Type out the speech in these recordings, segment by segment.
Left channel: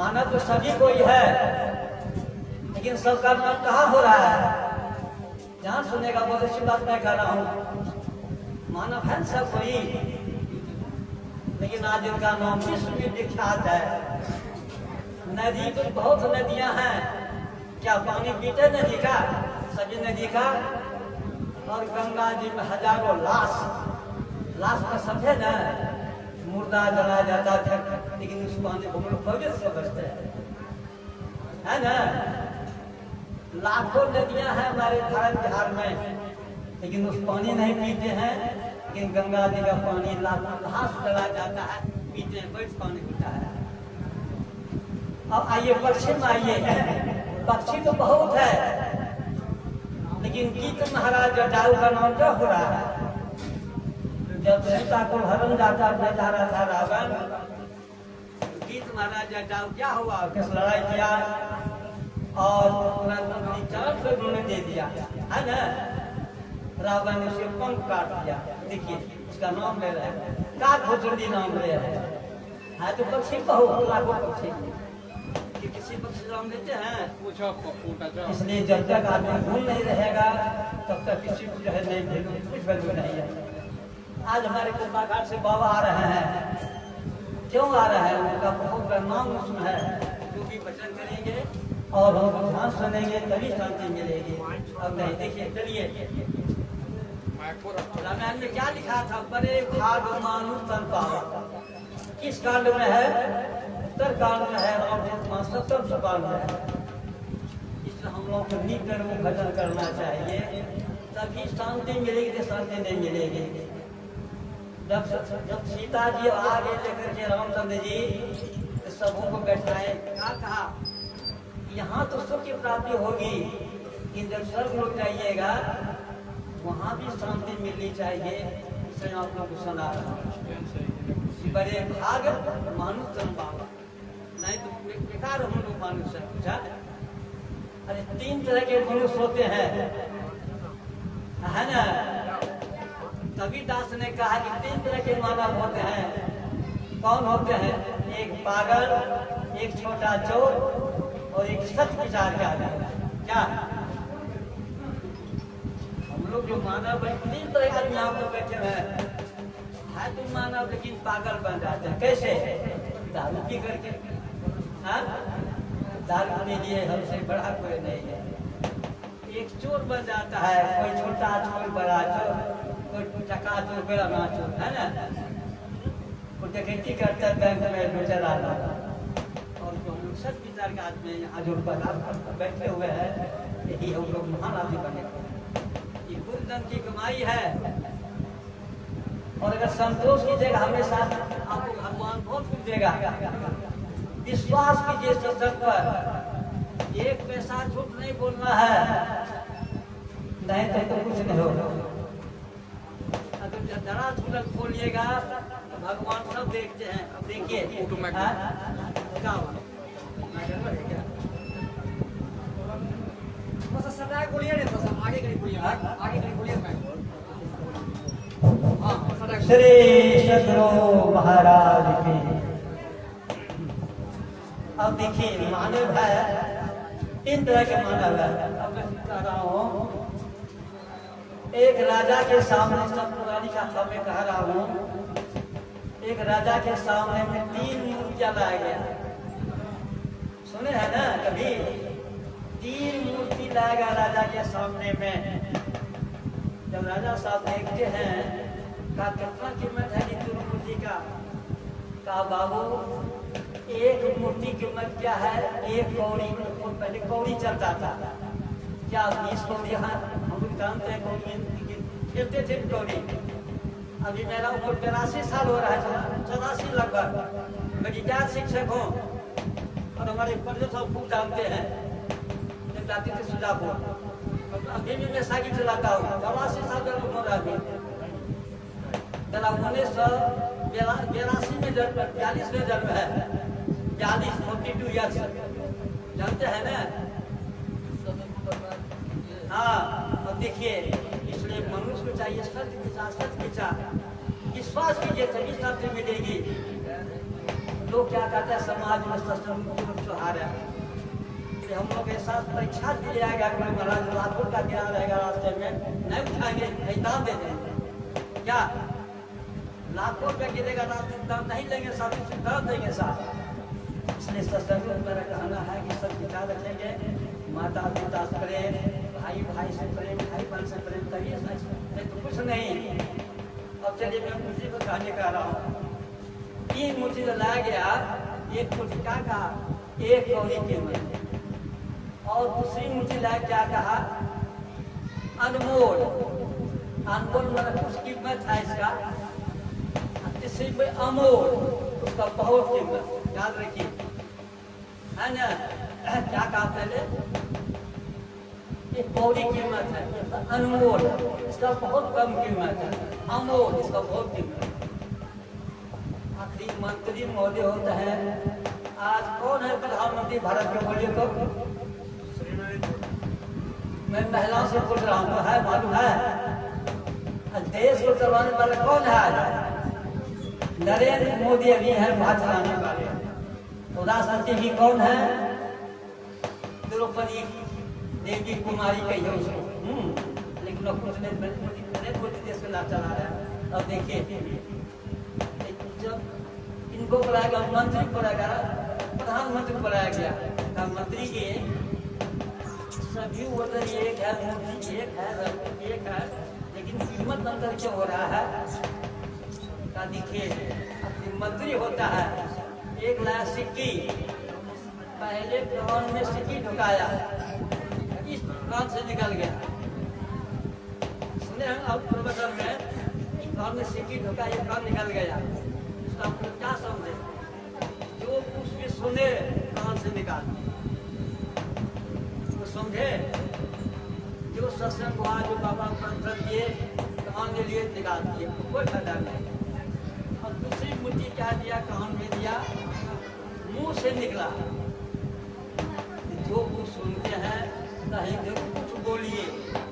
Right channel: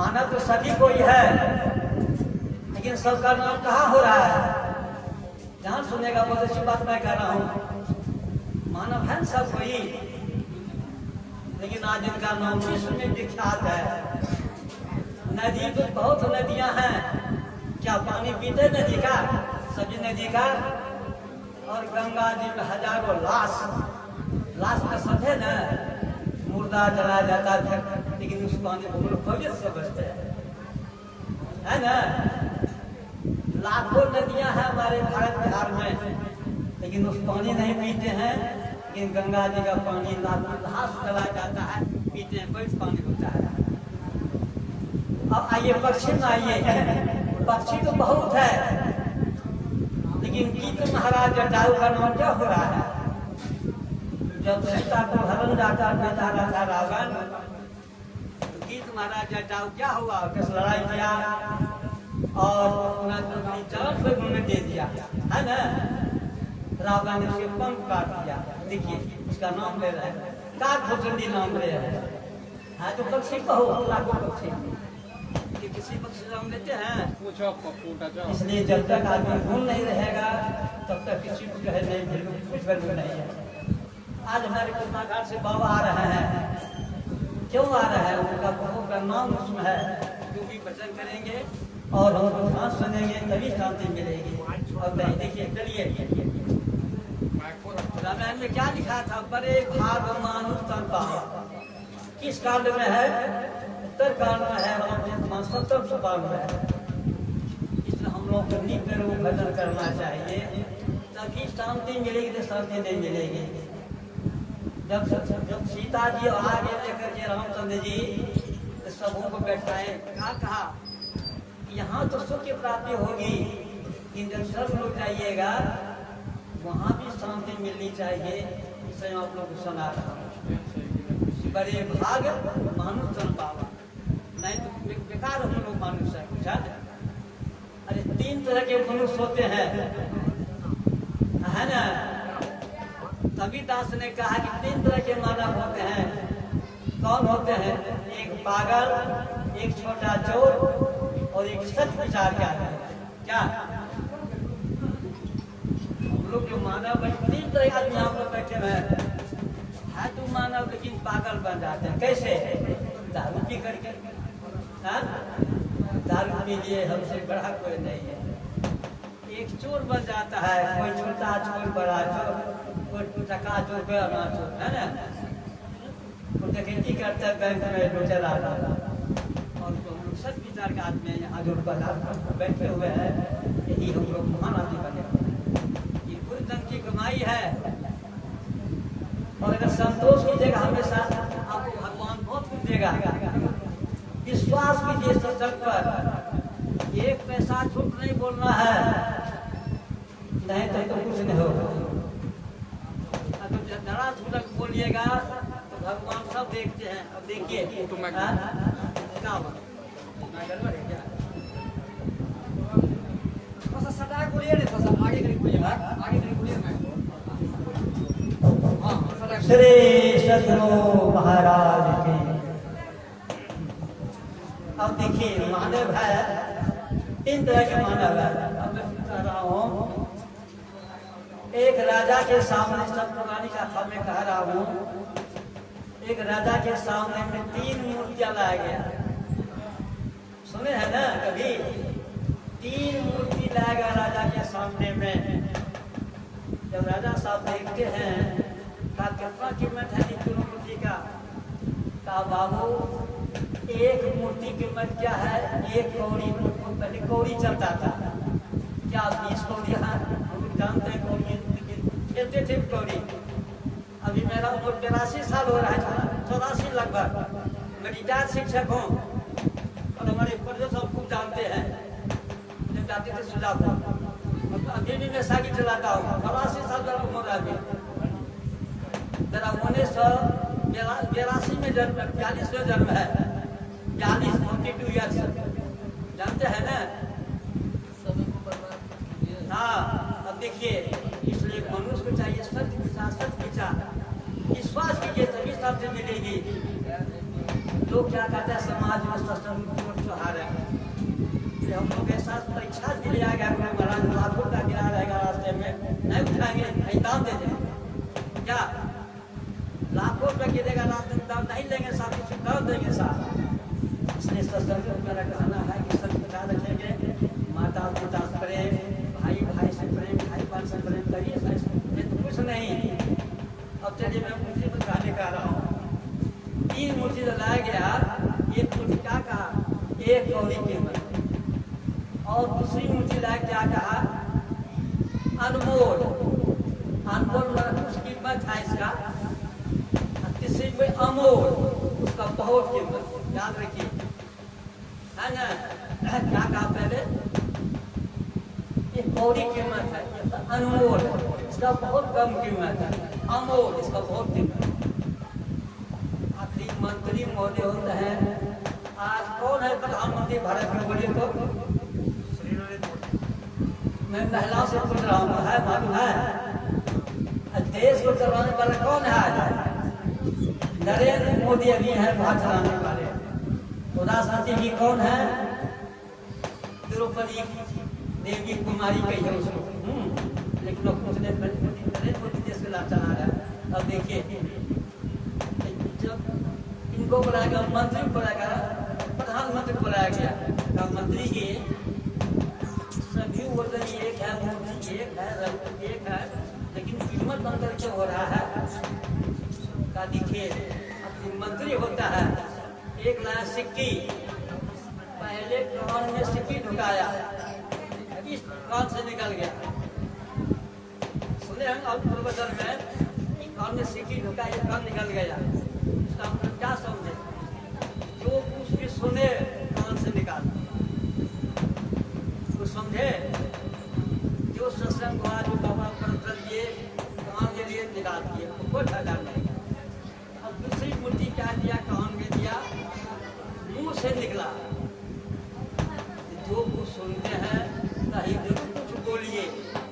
मानव तो सभी कोई है, लेकिन सबका नाम कहाँ हो रहा है? जहाँ सुनेगा बहुत अच्छी बात मैं कह रहा हूँ। मानव है सब कोई, लेकिन आज इनका नाम विश्व में विख्यात है। नदी तो बहुत नदियां हैं, क्या पानी पीते नदी का? सभी नदी का। और गंगा जी में हजारों लाश का सब है ना, मुर्दा जला जाता था, लेकिन उस पानी को लोग पवित्र से बचते है ना। लाखों नदियां हैं हमारे भारत बिहार में, लेकिन उस पानी नहीं पीते हैं। लेकिन गंगा जी का पानी लाखों लाश जला जाता है, पीते हैं, पवित्र पानी होता है। अब आइए पक्षी में आइए। पक्षी तो बहुत है, लेकिन गीत महाराज जटायु का नाम क्या हो रहा है? जब सीता को हरण जाकर भेजा रहा था रावण, गीत महाराज जटायु क्या हुआ? किस लड़ाई किया और चरण पे उन्होंने दे दिया है ना। रावण ने उसके पंख काट दिया। देखिए उसका नाम ले रहे हैं, काकभुजंडी नाम ले रहे हैं। हाँ तो पक्षी बहुत लाखों पक्षी, किसी पक्षी नाम लेते हैं। इसलिए जब तक आदमी भूल नहीं रहेगा तब तक किसी को जो है कुछ वैल्यू नहीं है। आज हमारे कुंभाघाट से बाबा आ रहे हैं, क्यों आ रहे हैं? उनका बहुत बड़ा नाम उसमें है। जो भी वचन करेंगे और हम ध्यान सुनेंगे तभी शांति मिलेगी। अब नहीं देखिए, चलिए रामायण में क्या लिखा था? बड़े भाग मानु तन पाओ। किस कांड में है? उत्तर कांड में है, और 70 सोपान में है। इसलिए हम लोग को नित्य रूप भजन करना चाहिए, तभी शांति मिलेगी। तो शांति नहीं मिलेगी। जब सीता जी आगे लेकर के रामचंद्र जी सबों को बैठाए, कहा यहाँ तो सुख की प्राप्ति होगी, कि जब सब लोग जाइएगा वहाँ भी शांति मिलनी चाहिए। इसे आप लोग को सुना रहा हूँ। बड़े भाग मानुष जन पावा, नहीं तो बेकार हम लोग मानुष है। अरे 3 तरह के मनुष्य होते हैं, है ना। कबीरदास ने कहा कि 3 तरह के मानव होते हैं। कौन होते हैं? एक पागल, एक छोटा चोर और एक सच विचार क्या है। क्या हम लोग जो मानव है 3 तरह का यहाँ पर बैठे हैं। है तो मानव, लेकिन पागल बन जाते हैं। कैसे? दारू पी करके। दारू पीजिए, हमसे बड़ा कोई नहीं है। एक चोर बन जाता है, कोई छोटा चोर, बड़ा चोर, कोई टका चोर, कोई अना चोर, है ना। कोई डकैती करता है बैंक में, लुटेरा आता है। और जो हम लोग सब विचार का आदमी यहाँ जो बैठे हुए हैं, यही हम लोग महान आदमी बने। ये कुल धन की कमाई है। और अगर संतोष कीजिएगा हमेशा, आपको भगवान बहुत कुछ देगा। विश्वास कीजिए सत्संग पर, 1 पैसा झूठ नहीं बोलना है, नहीं तो कुछ नहीं होगा। अगर जरा झूठ बोलिएगा तो भगवान सब देखते हैं। अब देखिए क्या हुआ, सदा बोलिए नहीं, थोड़ा आगे के लिए बोलिए, आगे के लिए बोलिए। श्री सद्गुरु महाराज की। अब देखिए मानव है, 3 तरह के मानव है। अब मैं कह रहा हूँ, एक राजा के सामने, सब पुरानी कथा में कह रहा हूँ, एक राजा के सामने में 3 मूर्तियां लाया गया। सुने हैं ना कभी? 3 मूर्ति लाया गया राजा के सामने में। जब राजा साहब देखते हैं, का कितना कीमत है इस मूर्ति का? कहा बाबू, एक मूर्ति की कीमत क्या है? 1 कौड़ी। पहले कौड़ी चलता था, क्या 20 कौड़ी? हम लोग जानते हैं कौड़ी खेलते थे कौड़ी। अभी मेरा उम्र 82 साल हो रहा है, 84 लगभग। मैं रिटायर्ड शिक्षक हूँ, और हमारे पर्यटन सब खूब जानते हैं। जाती थी सुजापुर, अभी भी मैं साइकिल चलाता हूँ। 84 साल का उम्र आदमी। मेरा 1982 में जन्म, 42 में जन्म है। 42 ईयर्स, जानते हैं ना। हाँ, अब देखिए, इसलिए मनुष्य को चाहिए सच विचार, विश्वास कीजिए तभी शांति मिलेगी। लोग क्या कहते हैं समाज में सत्संग त्योहार है, हम लोग के साथ परीक्षा दिया गया कि महाराज लाखों का गिरा रहेगा रास्ते में, नहीं उठाएंगे, दाम दे देंगे क्या? लाखों रुपया गिरेगा, दाम नहीं लेंगे साहब, कर देंगे साहब। इसलिए सत्संग में मेरा कहना है कि सब ख्याल रखेंगे, माता पिता से प्रेम, भाई भाई से प्रेम, भाई बहन से प्रेम करिए, तो कुछ नहीं। अब चलिए मैं मुझे में कहने का रहा हूँ, 3 मुट्ठी लाया गया, एक मुट्ठी क्या कहा? 1 कौड़ी कीमत, और दूसरी मुट्ठी लाया क्या कहा? अनमोल। अनमोल मतलब कुछ कीमत है इसका, तीसरी में अमोल, उसका बहुत कीमत, याद रखिए, है ना? क्या कहा पहले? ये कौड़ी कीमत है, अनमोल इसका बहुत कम कीमत है, अमोल इसका बहुत कीमत। आखिरी मंत्री महोदय होते हैं, आज कौन है प्रधानमंत्री भारत के? बोलिए तो। मैं महिलाओं से पूछ रहा हूँ, है मालूम है? देश को चलाने वाला कौन है आज? नरेंद्र मोदी अभी है भारत चलाने वाले। तो राष्ट्रपति भी कौन है? द्रौपदी देवी कुमारी कही है उसको, लेकिन लोग नरेंद्र मोदी देश में ना चला रहा है। अब देखिए, जब इनको बुलाया गया, मंत्री बुलाया गया, प्रधानमंत्री बुलाया गया, मंत्री के सभी वजन एक है, मूर्ति एक है, रंग एक है, लेकिन कीमत अंतर क्या हो रहा है? का देखिए, अपनी मंत्री होता है, 1 लाख सिक्की, पहले कान में सिक्की ढुकाया, इस कान से निकल गया। सुने हम अब प्रोफेसर में, कान में सिक्की ढुकाया, कान निकल गया, इसका मतलब क्या समझे? जो कुछ भी सुने कान से निकाल, वो समझे? जो सत्संग हुआ, जो बाबा पर दिए, कान के लिए निकाल दिए, कोई फायदा नहीं। अब दूसरी मुट्ठी क्या दिया? कान में दिया, मुंह से निकला। जो कुछ सुनते हैं कहीं जो कुछ बोलिए,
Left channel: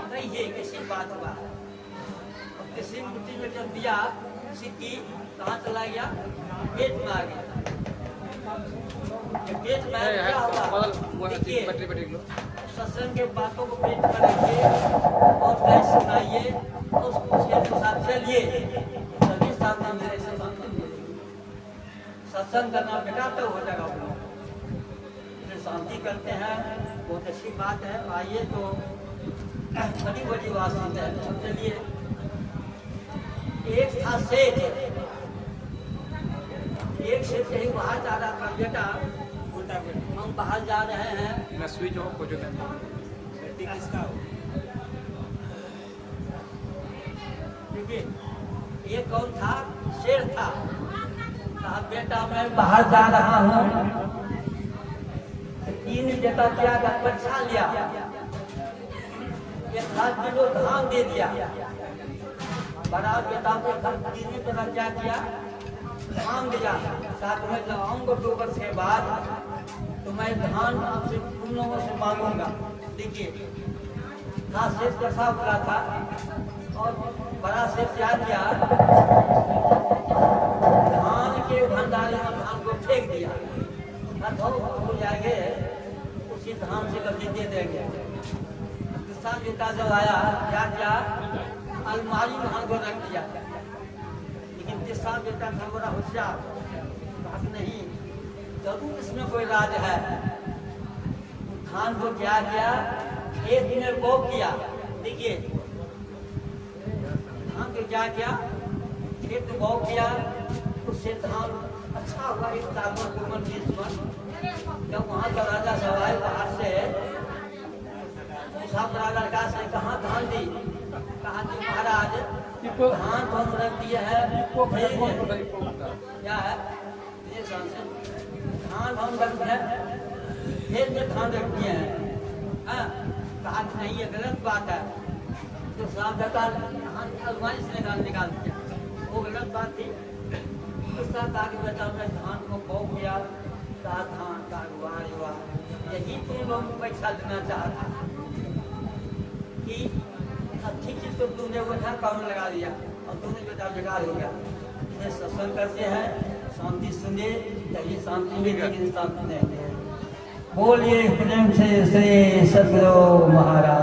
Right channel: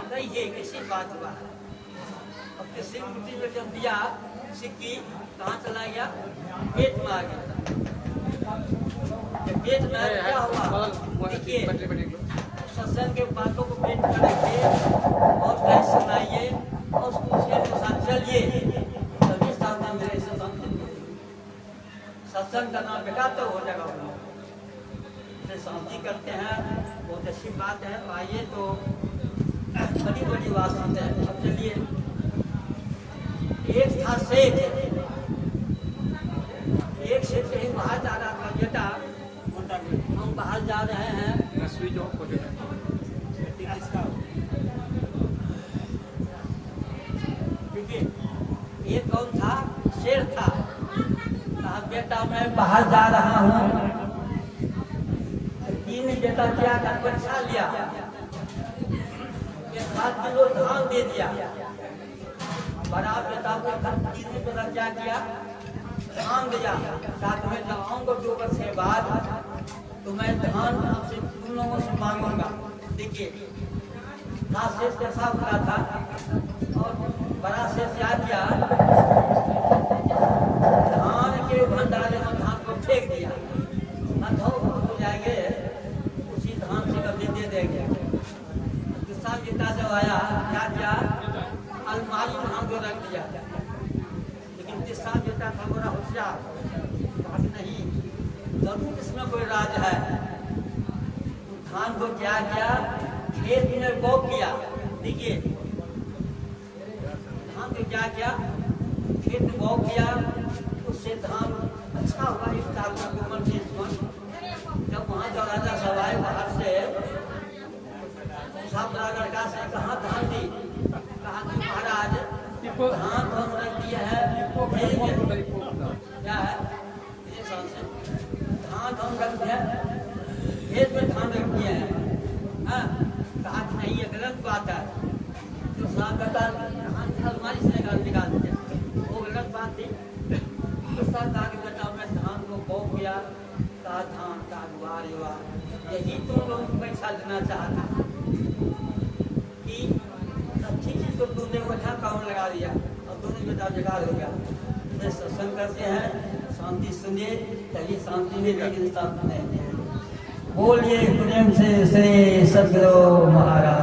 कहिए कैसी बात हुआ। अब तीसरी मुट्ठी में जब दिया सिक्की, कहाँ चला गया? पेट में आ गया। पेट में क्या हुआ? देखिए, सत्संग के बातों को पेट में रखिए और कहीं सुनाइए और उसके अनुसार चलिए, तभी सत्संग करना बेटा तो हो जाएगा। शांति करते हैं, बहुत अच्छी बात है। आइए तो बड़ी बड़ी बात सुनते हैं। अब चलिए, एक था सेठ, एक सेठ कहीं बाहर जा रहा था, बेटा हम बाहर जा रहे हैं, देखिए ये कौन था? शेर था। कहा बेटा मैं बाहर जा रहा हूँ। 3 बेटा क्या परीक्षा लिया, 7 किलो धान दे दिया। बड़ा बेटा को 3 बेटा क्या किया? धान दिया। साथ में जब आऊंगा 2 वर्ष के बाद तो मैं धान आपसे तुम लोगों से मांगूंगा। देखिए शेष कैसा उतरा था, और बड़ा शेष क्या किया? धान के भंडारे में धान को फेंक दिया। हो जाएंगे उसी धान से कभी दे देंगे। दूसरा बेटा जब आया क्या किया? अलमारी में धान को रख दिया। लेकिन तीसरा बेटा था बड़ा होशियार, बात नहीं, जरूर इसमें कोई राज है। धान को क्या किया? खेत में बो किया। देखिए धान को क्या किया? खेत में बो किया, उससे धान अच्छा हुआ। इस जानवर को मन जब वहाँ का राजा सब आए बाहर से, पूछा लड़का से कहाँ धान दी? कहा कि महाराज धान तो हम रख दिए हैं। क्या है ये? धान हम रख दिए, खेत में धान रख दिए हैं। कहा कि नहीं ये गलत बात है। तो साहब कहता धान अलमारी से निकाल दिया, वो गलत बात थी। तो साहब कहा कि बेटा मैं धान को बो किया, कहा धान का वाह, यही तो लोग पैसा देना चाहता कि अच्छी चीज तो तुमने बैठा काम लगा दिया और दोनों बेटा बेकार हो गया। सत्संग करते हैं, शांति सुनिए, चलिए शांति लेकिन शांति नहीं है। बोलिए प्रेम से श्री सद्गुरु महाराज।